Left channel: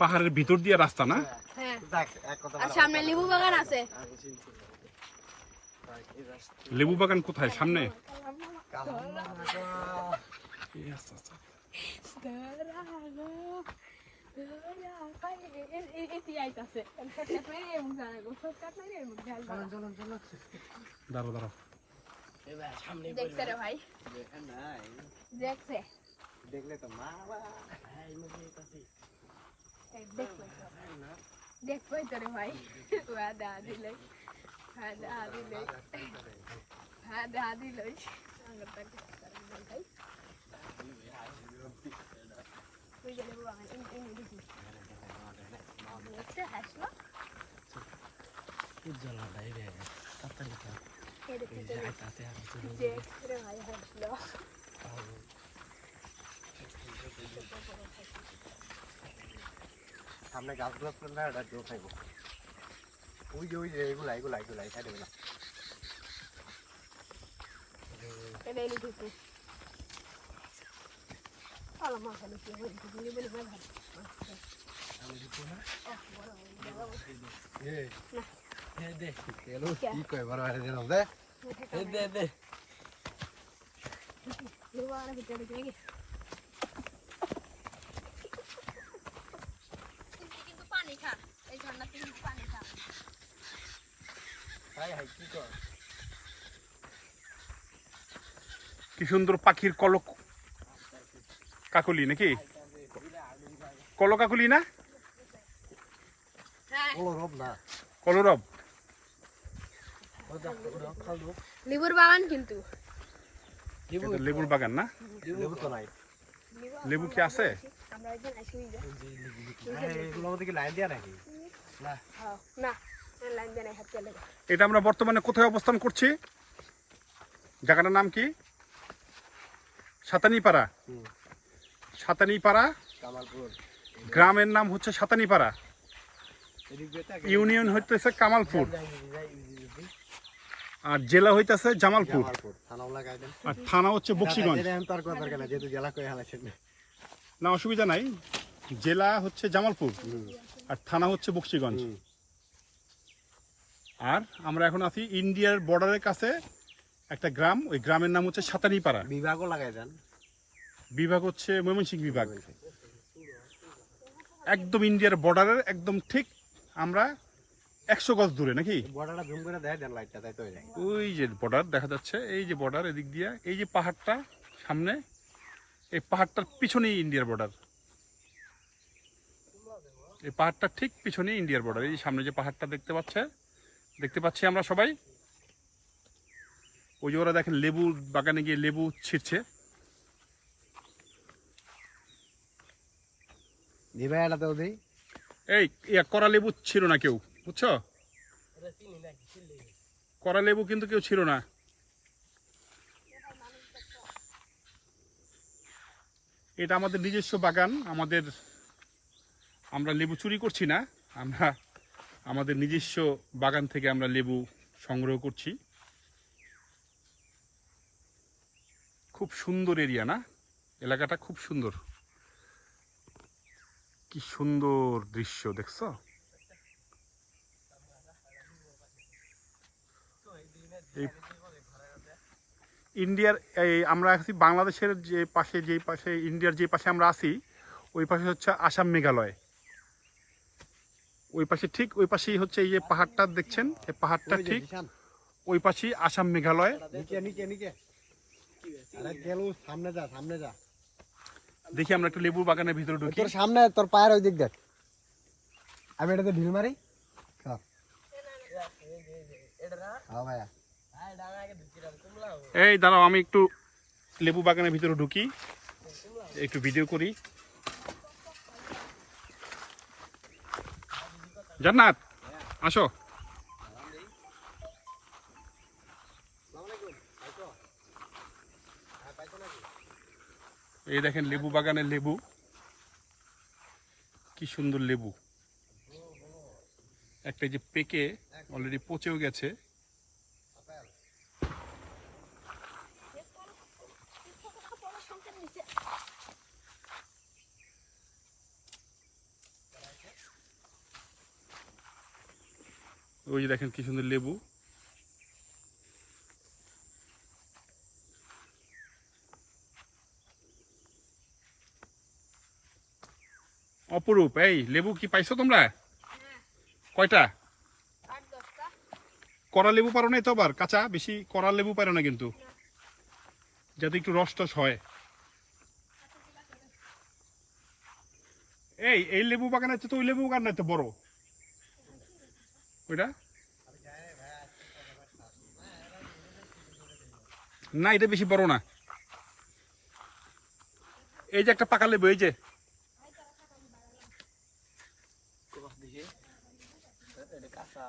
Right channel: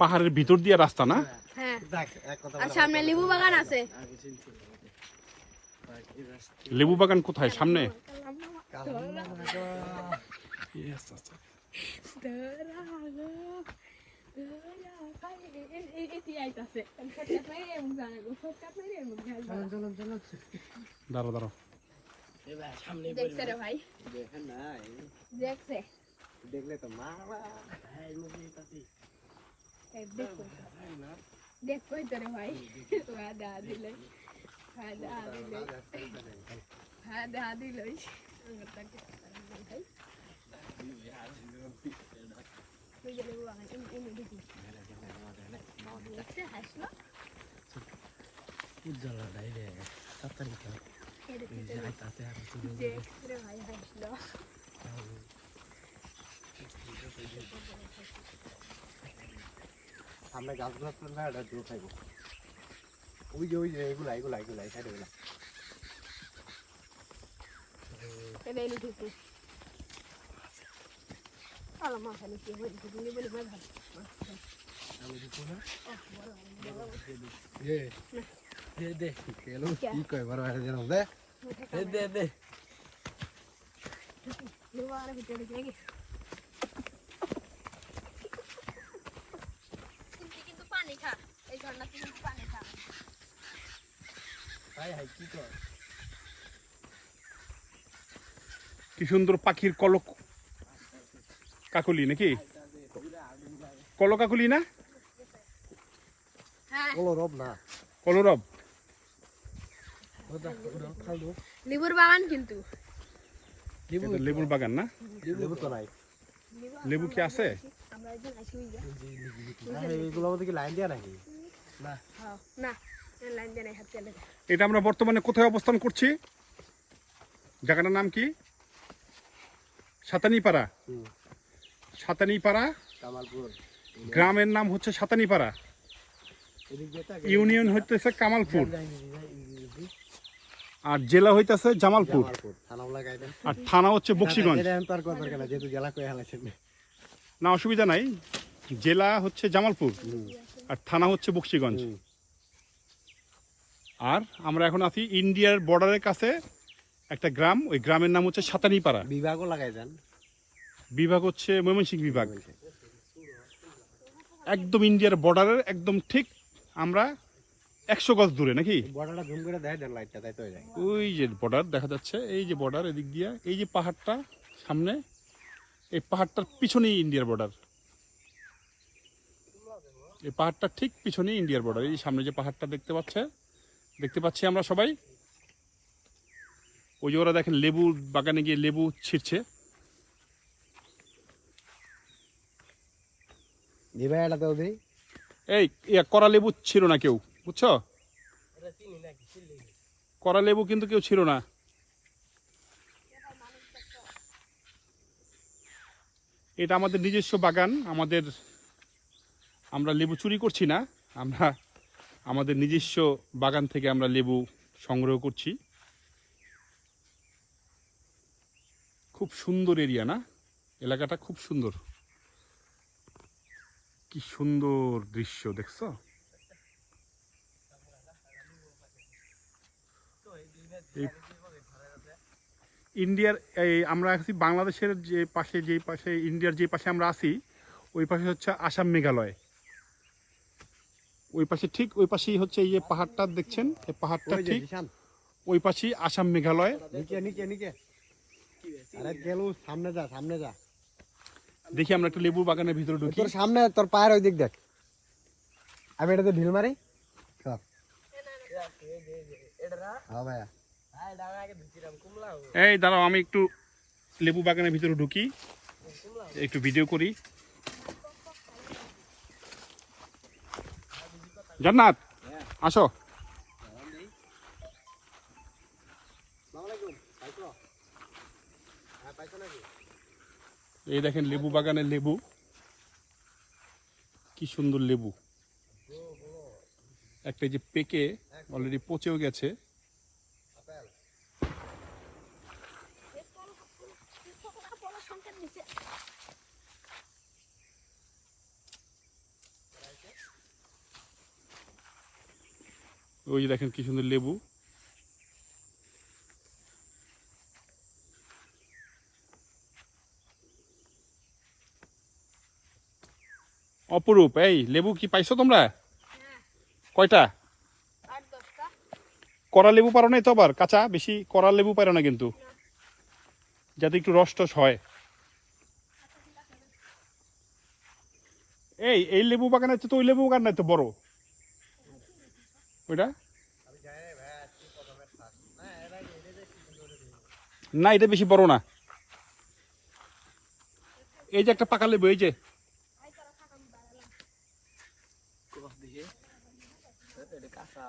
পাহাড়ের ভিতর দিয়ে রাস্তা না? হ্যাঁ, আর সামনে লেবু বাগান আছে। লেবু বাগান কোথায়? সামনে? দাঁড়ো দাঁড়ো, দেখছে রে ভাই, দেখছে দেখলে তো মা দেখবই তো রে ভাই। দেখা দিলে, দেখা দিলে, দেখা দিল ভাই। দেখছে হাসলো উজ্জ্বলাটাই রে তাড়াতাড়ি আইতাছে আর রে ভাই, হাসলো। সামনে গাছগুলো না এটা জোর খাইব। ওই যে এগুলা এগুলা এগুলা এই সাইডে এগুলা এটা এনে ঢুকু আলা মাথালে কি হয়ে ঢুকু বলে ভাই ভালো আমি ঢুকু না এ দে কেলো কি কই বড় বড় দিন দে দে দে দুবারে ভিতরে ঢুকে কিন্তু পানি খা, এই ঝর্ণাতে কিন্তু পানি খা। ভাই হাই কি কর কি সুন্দর পাখির কলক কাকলি নাকি? কলকাকলি না? হ্যাঁ, কলরব না কলরব। লেবুর বাগান কিন্তু এটা লেবুর বাগান না? লেবু তো নাই। লেবু কি আছে? আমরা ওইদিন আসি এগুলোর মধ্যে কি লাইন দেয়া নাকি? না না, লাইন দিয়ে নাই, হাত চলে। এটা আমরা বর্তমানে কোথায় অবস্থান করছি? জায়গাটার নাম কি? সাতানিপাড়া। সাতানিপাড়া কামালপুর গ্রামের নাম হচ্ছে সাতানিপাড়া, ইউনিয়ন হইতেছে কামালপুর, আর জেলা হইতেছে জামালপুর, আর থানা হচ্ছে বকশীগঞ্জ। না অসুবিধা নাই, জেলা হচ্ছে জামালপুর আর থানা হচ্ছে বকশীগঞ্জ। আর আমরা এখন আছি ইন্ডিয়ার বর্ডারের কাছে একটা গ্রাম, ওই গ্রামের নাম হচ্ছে সাতানিপাড়া। বিভাগও লাগাই দেন। বিভাগ হচ্ছে ময়মনসিংহ বিভাগ। একদম ইন্ডিয়ার বর্ডারের একদম ঠিক আমরা 100 গজ দূরে নাকি? বর্ডারটা জুম করে দেয় দেন লাইটটা, তাই তো যায়। ওই যে বর্ডার দেখা যাচ্ছে, এই যে বর্ডার এদিক দিয়ে, এই যে পাহাড়টা সামনে, এই পাহাড়টার পিছনেই ইন্ডিয়ার বর্ডার। এই পাহাড়টার ঠিক পিছনেই ইন্ডিয়ার বর্ডার। এই সামনে যে পাহাড়টা দেখতে পাচ্ছি আমরা সবাই। ওই যে ওরা দেখেন লেবু বাগানে গিয়ে লেবু ছিঁড়ছে। এই করা লেবু ছিল না কেউ, বুঝছো? করা লেবু কিন্তু কেউ ছিল না। এটা আমাদের নিজস্ব বাগান, আমরা লেবু চুরি করছি না, আমরা আমাদের নিজস্ব বাগান থেকে আমরা লেবু সংগ্রহ করছি। খুব সুন্দর এরিয়া না? এলাকাটা খুব সুন্দর, কি সুন্দর দৃশ্য দেখছো? ইন্ডিয়ার আমরা আছি বাংলাদেশের যে পাশে ইন্ডিয়ার যে পাশে আমরা আছি, ওই পাশে হচ্ছে আসাম মেঘালয়। ওই পাশে ঠিক ওই পাশেই হচ্ছে এই যে পাহাড়টা দেখছেন, এই পাহাড়টা ঠিক ওই পাশেই আসাম মেঘালয়। সামনে যা দেখি আমরা একটু লেবুর বাগানের ভিতরে ঢুকি। তোর সামনে, তোর পায়ের ওই দিক দেখ। আমি এটাতে ঢিল মারি। এই দাঁড়াও, আমি একটু লেবু বাগানের ভিতরে ঢুকি, একটু ভিডিও করি। জান্নাত আসো। এই দেখেন লেবু বাগানের লেবু, কি সুন্দর লেবু। একটা যে পেকে অলরেডি পচেও গেছে। ওই যে দেখেন কি সুন্দর লেবু। অপরূপ, এই লেবু কি পাইছো তোমরা? হ্যাঁ, কয়টা? 8-10টা। কড়া লেবু পারো নাই তো? আবার কাঁচা বেশি কড়া লেবু পারো না কিন্তু, না। যাতে একটু রস টস হয়। এই লেবু বাগান আছে তো, ওই লেবু বাগান নাই তো বড় ওইটা? না এটা বেশি বড় না। এই যে একটা পাকা লেবু, এই যে দেখি এটা কাঁচা